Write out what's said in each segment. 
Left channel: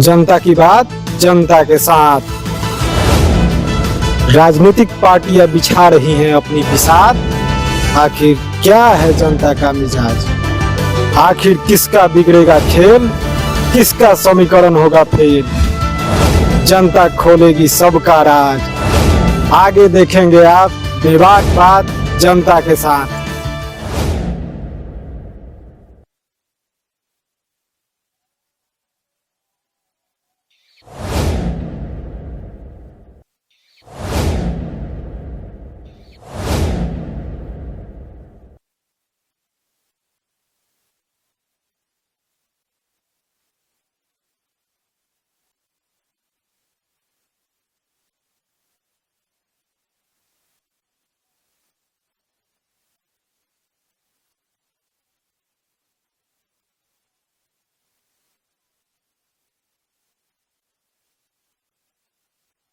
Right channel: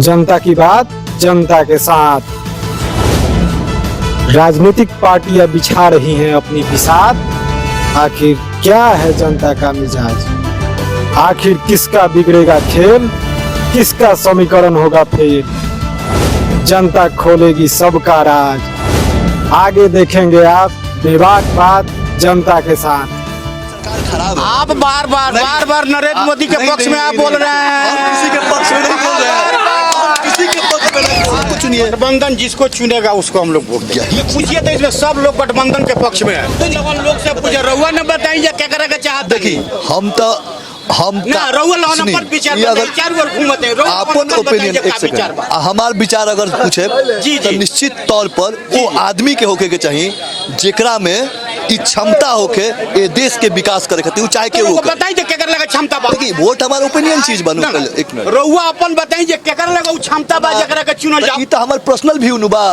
जनता की बात जनता के साथ। राजनीतिक पार्टियां बिछा रही हैं अपनी बिसात। आखिर क्या है जनता का मिजाज? आखिर किसका बिगड़ेगा खेल? किसका समीकरण होगा फेल? जनता खोलेगी सबका राज। आगे देखेंगे आप बेबाक बात जनता के साथ। आप बार बार नरेंद्र मोदी के पक्ष में आप बोल रहे हैं। किसी के पक्ष में नहीं बोल रहे हैं। किसी के पक्ष में नहीं। आपको चुनिए। गठबंधन जिसको चुनेगा उसको हम लोग वोट देंगे। पूछिए तो इसमें सब लोग गठबंधन के पक्ष में है। जब लोग से पूछे रहुआ ने बताइए क्या करेगा चाहते। देखिए हम ना रहुआ लाना पर विचार चार बार घूमते हैं। अपन ओपिनियन एक सेकंड हमार विचार अगर पूछे तो निश्चित तौर पर वो आदमी के होके के चाहिए जेकरा में ई क्षमता होके ये देश के विकास करे खातिर चाहे के वो बताइए क्या कर लगा क्षमता बा। देखिए वोट हमारा ओपिनियन चीज बनू। एक मिनट रहुआ अपन बताइए क्या कर लगा क्षमता बा जकरा के चुनल जाओ। ई तो हमार पर्सनल व्यू नु बा।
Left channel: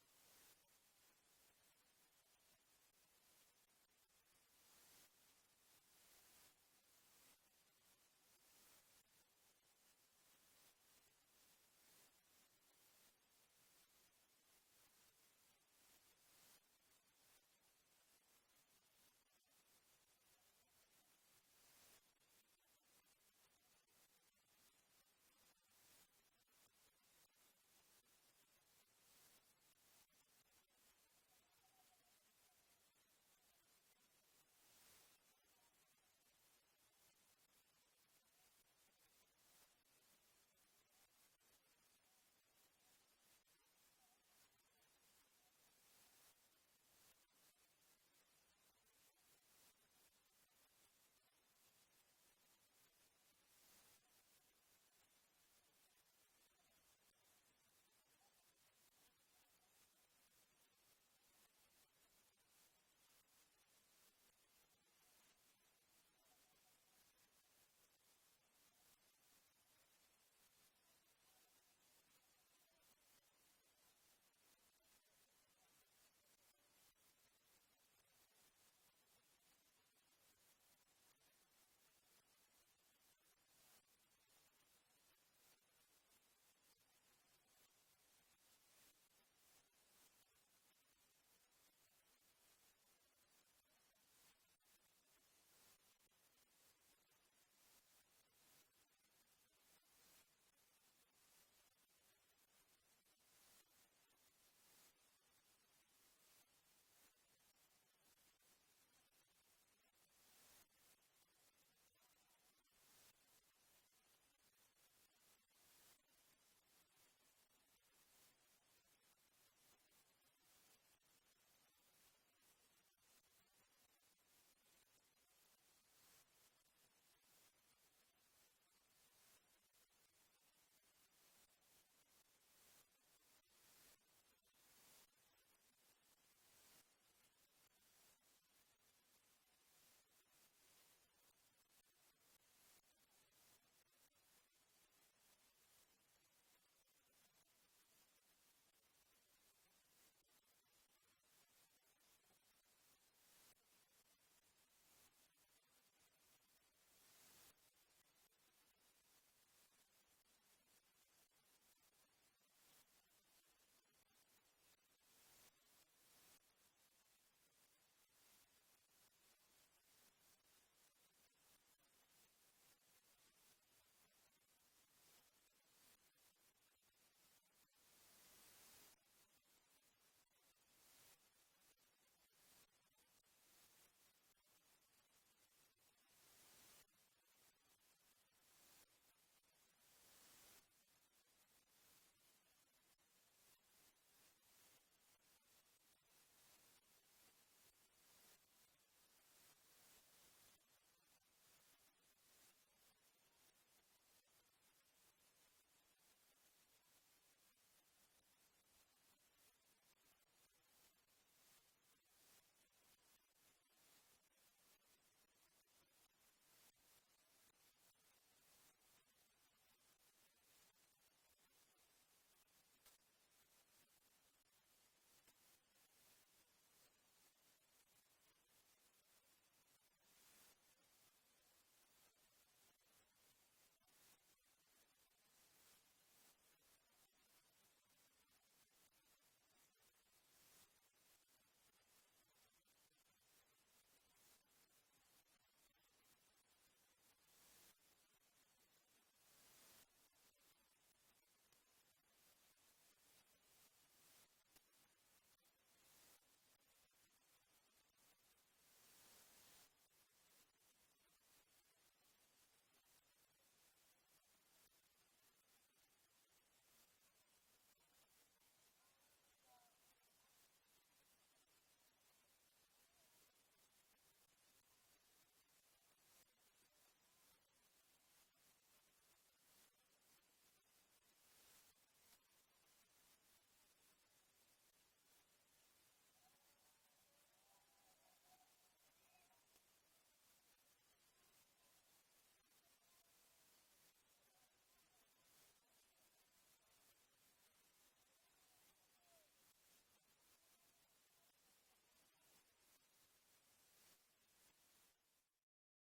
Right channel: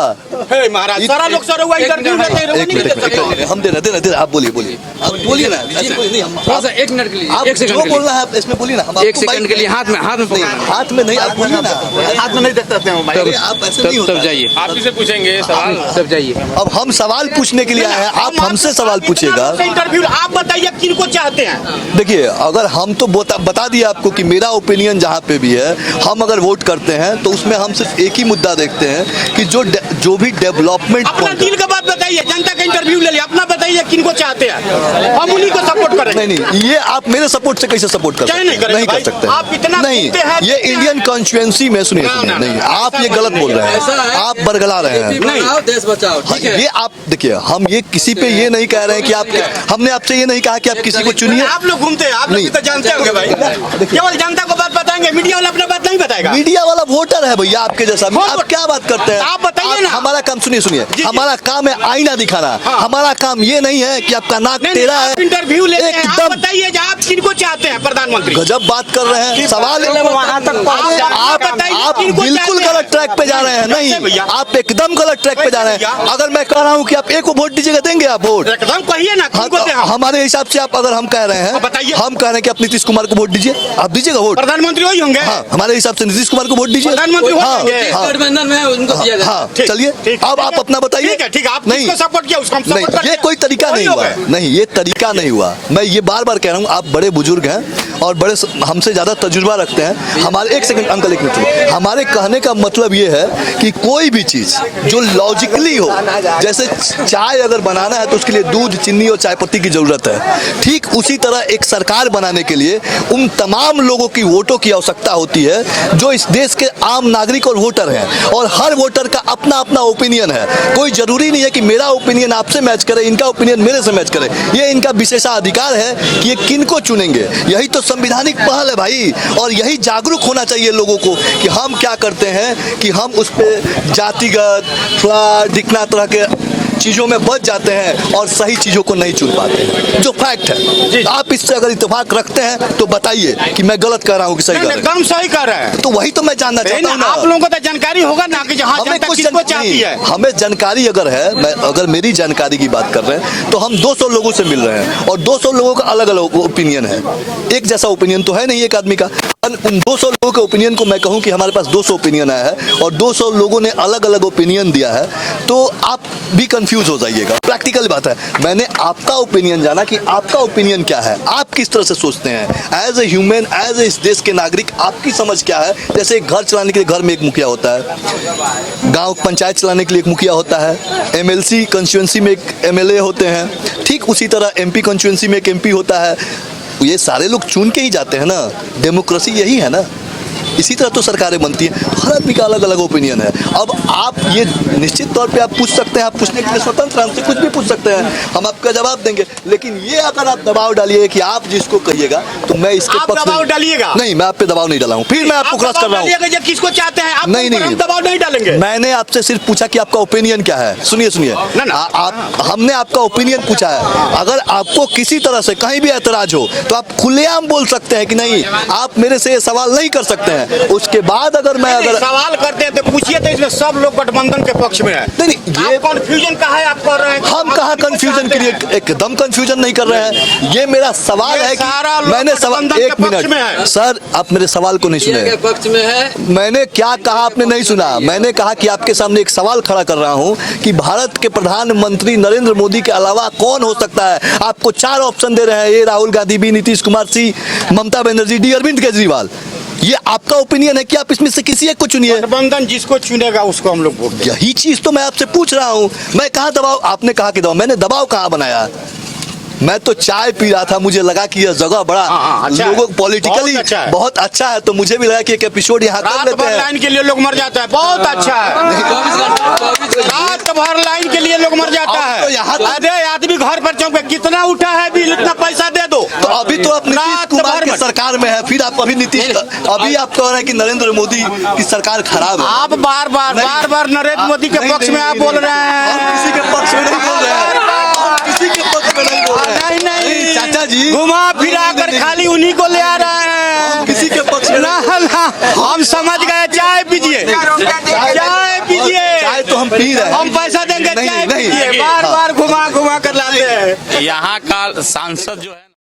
हे महाराज सारा लोग से रहुआ इंटरव्यू लेते हैं। एक मिनट हम दे आप बोलिए आप बोलिए ना ऐसे कोई नहीं हम थोड़ा सा 1 मिनट के लिए आप 1 सेकंड जो के बोलना है आप इसमें बोलिए ना। हम 1 सेकंड के लिए हाथ में हाथ में नहीं आप बोलिए ना। हाथ में नहीं देखते हैं तब आप ऐसे नहीं होता तब जाइए आप ही से पूछेंगे सवाल। तब जाइए। अब हम सवाल पूछने के लिए आए हैं आप हमसे सवाल पूछिएगा। इंटरव्यू आप बताइए किनको चाहते हैं। देखिए अगर हम तो बता दिए आपको कि मेरा ओपिनियन जहाँ पे भी है हम अगर वोट करते हैं तो उसमें हम सिर्फ एक ही मुद्दा देखते हैं कि जो भी डेवलपमेंट अपना दिल का बात बताइए। जनता का इंटरव्यू ले लिया अपना बताइए किनको चाहते हैं। हम उन्हीं को सपोर्ट करेंगे। नहीं ये आप मेरे सपोर्ट से कैसे सपोर्ट कर सकते नहीं कर सकते आप इतना नहीं ये इंडियन कॉन्स्टिट्यूएंसी में सुनिए नहीं आप ये गलत बोल रहे हैं। आप बरगला रहे हैं। बनाओ देश बचाओ ठीक है। ये आप देखिए हम ये किसी पे ये नहीं कह रहे हैं कि आप हमने आपसे ये नहीं कहा कि आप किसी को चुनिए। आप लोग घूमते हैं आप लोग तो जानते होंगे भाई। केवल जनता को बात बताएंगे मीडिया वाला अपना बात नहीं बताएगा। मीडिया वाला वोटर है भैया आपके जैसा। आप क्या बात करते हैं आप बताइए ना। हमारा काम सुनिए हमारा काम है आईना दिखाना। हमारा काम ये नहीं है कि आपका नाक टेढ़ा है। इंटरव्यू लेते हैं आप एकदम बताइए आप किनको चाहते हैं प्रधानमंत्री। गजब बात कर रहे हैं। सवाल आप बिल्कुल गलत ट्रैक पे जा रहे हैं। नहीं आप एकदम गलत ट्रैक पे जा रहे हैं। अगर मैं कह रहा हूँ कि आप एक को वोट दीजिएगा देंगे आप वोट एकदम कहिए ना किनको दें हम। हमारे हिसाब से आप अगर हम कह रहे हैं बताइए। हम कह रहे हैं कि आप नीतीश कुमार को वोट दीजिए आप दीजिएगा वोट। प्रधानमंत्री वही होंगे। हाँ हमारे हिसाब से नीतीश कुमार को वोट दीजिए। प्रधानमंत्री गठबंधन में उनको दिया जाए। हाँ चलिए अब आप अपना बताइए। ठीक है आप नहीं सपोर्ट किया उसको हम नहीं सपोर्ट ये कोई तरीका नहीं हुआ। नहीं ये तरीका नहीं हुआ। मैं ये बार बार कह रहा हूँ आप बड़े बुजुर्ग हैं और बड़े हमसे ज्यादा तजुर्बा रखते हैं। हमारे एक सेकंड अंकल एक मिनट हमारे कहने का मतलब ये है कि कोई भी चीज जो लॉजिकली हो जैसे चाय अगर बनाना है तो उसके लिए दूध चीनी और चाय पत्ती की जरूरत है। ठीक उसी तरह एक सरकार बनाने के लिए उन तमाम लोगों की वोटों की आवश्यकता होती है जो इस देश के आम नागरिक और वोटर हैं। और हर वोटर का अपना अपना ओपिनियन है। कोई जरूरी नहीं है कि मेरा ओपिनियन आपसे मैच करे इनका ओपिनियन मेरे से मैच करे। ये इनका विशेषाधिकार है कि ये किनको चुनेंगे। यही तो संवैधानिक पहल है भाई। और यही जागरूक होना चाहिए लोगों को कि हम क्या करते हैं कि हम उस पर जातिगत फ्लड दिखना तरह के चीजों में बच जाते हैं और सही चीजों को नहीं चुन पाते हैं जो फैक्ट है। आप इससे अगर इत्तेफाक रखते हैं तो बताइए कि मैं गलत कह रहा हूँ कि सही कर रहा हूँ। एकदम सही कर रहे हैं। तो वही तो मैं जानना चाहता हूँ। आप लोगों को तो जानकारी होगा ना कि जहाँ जनता किसको चाहती है। हमें जानकारी अगर है मैं अगर मेरी जानकारी की बात कर रहे हैं तो हम 200 लोगों से मिल रहे हैं और 200 लोगों का अलग अलग ओपिनियन है। एक जैसा ओपिनियन तो है नहीं एक आदमी का। उन 200 लोगों के ओपिनियन को मैं कहूं कि हमारे पास 200 ओपिनियन आया है और 200 लोगों ने अलग अलग ओपिनियन दिया है तो आप भी कंफ्यूज हो जाइएगा। प्रैक्टिकल बात है। मैंने आपका ओपिनियन जाना कि आपका ओपिनियन क्या है आप किस तरह से सोचते हैं as a human as a इस देश के नागरिक आपकी समझ क्या है। जैसे घर चलाने के लिए घर में एक मुखिया होता है गांव पंचायत चलाने के लिए एक मुखिया होता है एमएलसी कंस्टिट्यूएंसी में एक एमएलए होते हैं। ठीक उसी तरह एमपी कंस्टिट्यूएंसी में एक एमपी होता है। ये सारे लोग चुन के ही जाते हैं ना। डेमोक्रेसी यही है ना। इसी तरह तो सरकारें बनती हैं। हर आदमी का अलग अलग ओपिनियन है। अब आप ये निश्चित तौर पे आप पूछ सकते हैं आप पूछने के लिए स्वतंत्र हैं हमसे कुछ भी पूछ सकते हैं हम आपका जवाब देंगे। लेकिन ये अगर आप दबाव डालिए कि आप जिसको कहिएगा तो मैं इसके आप दबाव डालिएगा। नहीं मैं आप पे दबाव नहीं डाला हूँ। फिर मैं आपको क्रॉस कर रहा हूँ। किसको चाहते हैं आप नहीं दबाव नहीं डालेंगे। मैंने आपसे सिर्फ पूछा कि आपका ओपिनियन क्या है। सुनिए हमने आपका ओपिनियन पूछा है। अगर आपको किसी तरह से कहीं भी ऐतराज हो तो आप खुलेआम बोल सकते हैं कि नहीं आप मेरे से ये सवाल नहीं कर सकते हैं। हैं, उसके बाद अगर मैं अगर सवाल करते हैं तो पूछिए, तो इसमें सब लोग गठबंधन के पक्ष में है। नहीं, ये कंफ्यूजन कहा है आप कर रहे हैं? हम कहा कंफ्यूजन क्रिएट, एकदम कंफ्यूजन नहीं कर रहे हैं। ये मेरा सवाल है सारा कि लोग मैंने सवाल, गठबंधन एक के पक्ष में है। मिनट सर, आप मेरे सवाल को नहीं इंडिया के सुने। पक्ष में है। मैंने क्या कहा आपने नहीं सुना। मैंने कहा कि आपके सामने एक सवाल खड़ा कर रहा हूं कि भारत के प्रधानमंत्री नरेंद्र मोदी के अलावा कौन हो सकता है। आपको 4 ऑप्शन दे रहे हैं, ए राहुल गांधी, बी नीतीश कुमार, सी ममता बनर्जी, डी अरविंद केजरीवाल। ये आपका ओपिनियन है कि आप इसमें से किसी एक को चुनिए। गठबंधन जिसको चुनेगा उसको हम लोग वोट देंगे। यही चीज तो मैं आपसे पूछ रहा हूं। मैं कहाँ दबाव, आपने कहा कि दबाव, मैंने दबाव कहाँ बनाया? मैं तो चाय पी रहा था, मुझे लगा कि यह जगह बड़ा अच्छा है। लोगों पॉलिटिकली बहुत अच्छा है। तो मुझे भी लगा कि एक एपिसोड यहाँ कर रात लेते भर हैं। लाइन के लिए लोग मर जाता है, बहुत अच्छा है। 24 घंटे रात भर लाइन के लिए लोग मर जाता अब तो है। यहाँ अरे आदमी घर पर चौक पे कितना उठा है बिल, इतना पैसा दे दो। तो अभी तो आप नीतीश रात कुमार भर की में- सरकार में है, फिर आप अभी नीतीश, अभी आप कह रहे हैं कि नरेंद्र मोदी की सरकार खराब है। आप बार बार नरेंद्र मोदी के पक्ष में आप बोल रहे हम हैं। किसी के पक्ष में नहीं बोल रहे हैं, हम किसी के पक्ष में नहीं बोल रहे हैं। नहीं चाचा जी, घुमा फिरा कर खाली उन्हीं को ले आ रहे हैं। किसी के पक्ष में ना ना, हम समझ गए। चाय पीजिए, चाय पीजिए। चाय तो हम पी रहे हैं। हम पैसा देंगे, नहीं, चाय नहीं, पीजिए। नहीं। बार बार घुमा घुमा कर लाते हैं। यहाँ का सांसद जो है